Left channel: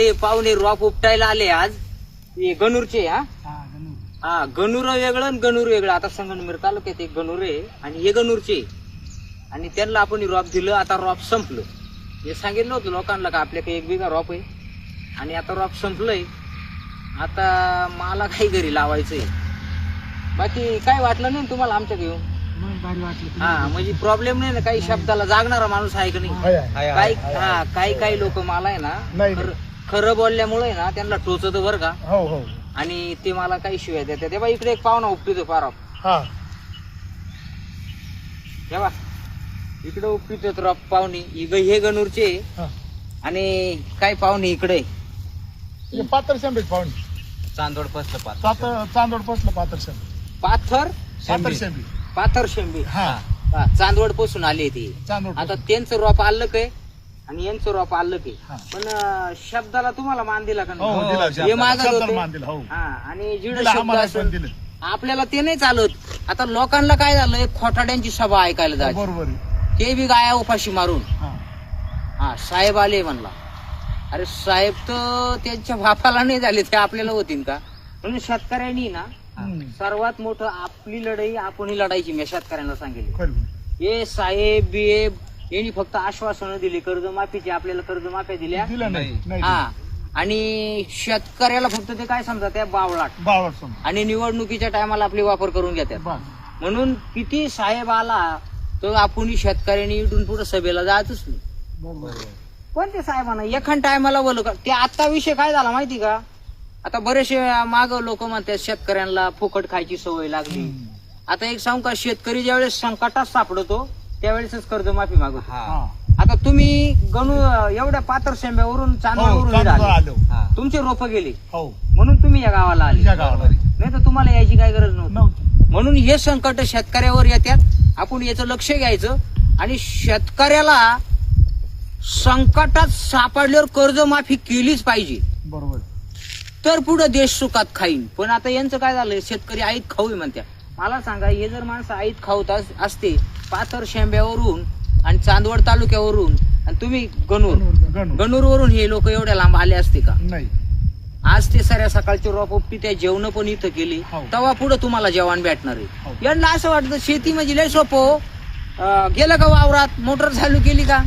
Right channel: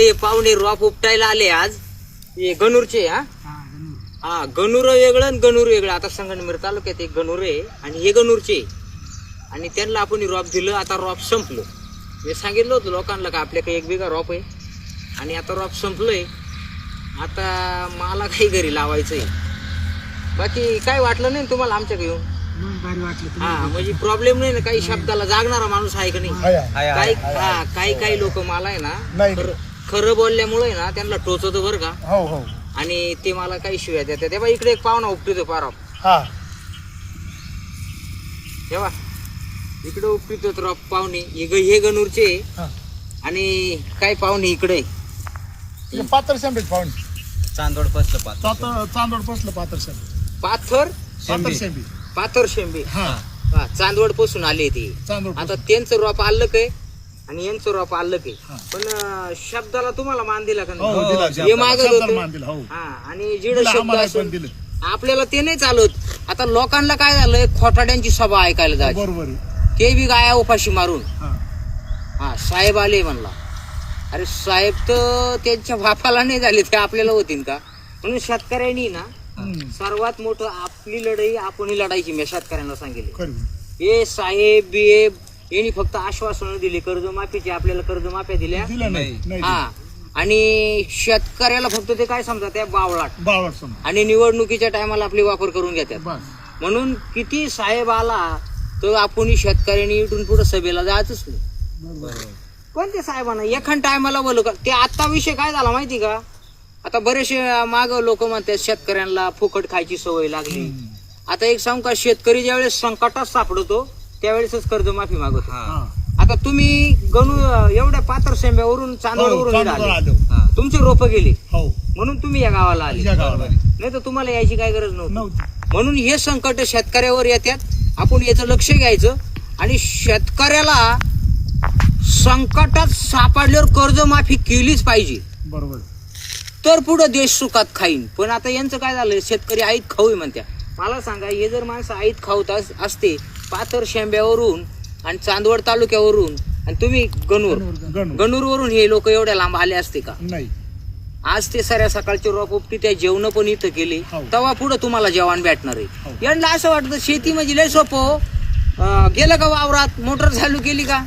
ते पाहुणे रॉप उपटायला आले आज. हे गणूरचे. हा गणूर वेगळं आणि गणूर वेगळं. आता संगमनेर तालुक्यात एक गणूर आहे आणि हे गणूरचे. आणि त्यांना आपण रॉप दिलं. आता रॉप संपलं. हे सांगितलं होतं लोकांना का आपल्याकडे 1 बिघा रॉप आहे आणि आता रॉप संपलंय. आता मला काही घरी लावायचंय. बाकी काय वाटलं नाही तुम्हाला आमच्याकडे येऊन? हा म्हणजे प्रॉब्लेम नाही ना. काही शब्दाला जागणारा माणूस आहे का नाही? काही लोक मला आहे ना खरं बोलल्यामुळे ना त्यांना टोचत बरं का. आणि ते मला काही शिव्या देतात. तेव्हा इकडे एक पाहुणा उपटितो फार. तेव्हा इकडे उपटितो रॉप पाहुणे. हे गणूरचे आणि काय पाहुणे इकडे पाथर शेंबे पाहुणे. चांदोड पसलं चांदोड पसलं पाथर शेंबे. पाथर शेंबे. चांदवड पासून आले ते. आता त्यांचं रॉप आलं काय आणि यांचं रॉप आलं काय. पण शब्दाला तुम्हाला मान दिला का नाही? हे मागत होतं. आणि जिड शब्द असेल आपल्याला ते नाही चालत. आता लोकांना काय झालंय, खोटाड्यांची सभा ऐकायला जायचं. बरोबर. ते बी गाया उपाशी मारून साहेब आले म्हणला. अरे साहेब तर त्यांच्या बापाला नाही झाले, ते आपल्याला होतील का? म्हणून शेतकऱ्यांनी ना सर्वात मोठं आपली लढाई आपणही लढायची. मी शेतकऱ्यांना सांगितलं. हे साहेब बिहेब यांनी फक्त आश्वासनं दिली कर्जमाफीची. आपल्याला कर्जमाफ्या दिल्या. आणि शेतकऱ्याला फक्त ते काय समजा त्या बावळाट. आणि निवडणुकीच्या टायमाला आपले वापर करून घेतात. म्हणून किती साहेब आला तर आपण शेतकऱ्यांनी इथून पुढे सभेला जायचंच नाही. पण ते साहेबांना एखाद टायमाला बोलू का. ते आता विषय काय झाला माहिती का? आता बरेचसे माग लोक म्हणतात शेतकऱ्यांना फुकट खायची सवय लागली. आता एक सांगू का, शेतकरी ज्यावेळेस संकटात सापडतो त्यावेळेसच कर्जमाफी मागतो. आता तुम्ही एवढ्या पाथर शेंब्यावरून चांदवडवरून तुमचे रोप गेले म्हणून तुम्ही या गावाला आले. नाही तर तुम्हाला यायची काय गरज नव्हती. म्हणून हे संकट शेतकऱ्यावर येतात. आपण याचं लक्ष घ्यायचं आणि शेतकऱ्याला संकटात सापडल्यावर कर्जमाफी केलीच पाहिजे. बरोबर. तर पुढे देश सुखात खाईन. पण आता यांचं काय झालंय, शेतकरी आईत खाऊ म्हणत्या. मला सांगा, हे जर माणसं आईत खाऊत असते पाथर शेंब्यावरून आणि चांदवड तालुक्यावरून आणि तुम्ही गणूरवरून हे लोक एवढ्या लांब आले असते का? नाही. आज ते साऱ्या सकाळचे रॉप उपटी त्या जेवण पण इथं केली. तेव्हा पुढे तुम्हाला जेवण भेटणार आहे. यांना असं वाटतं शेती म्हणजे लय सोपं. गेलं का वावरात, मोटर चालू केली का,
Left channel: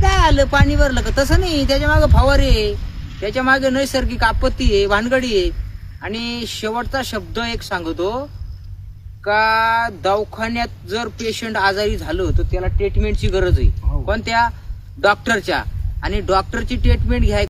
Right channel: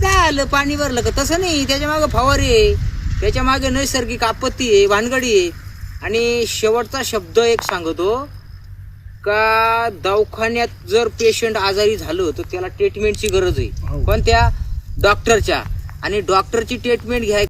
काय आलं पाणी भरलं का? तसं नाही. त्याच्या मागे फवारे आहे, त्याच्या मागे नैसर्गिक आपत्ती आहे, भानगडी आहे. आणि शेवटचा शब्द एक सांगतो का, दवाखान्यात जर पेशंट आजारी झालं तर त्याला ट्रीटमेंटची गरज आहे. पण त्या डॉक्टरच्या आणि डॉक्टरची ट्रीटमेंट घ्याय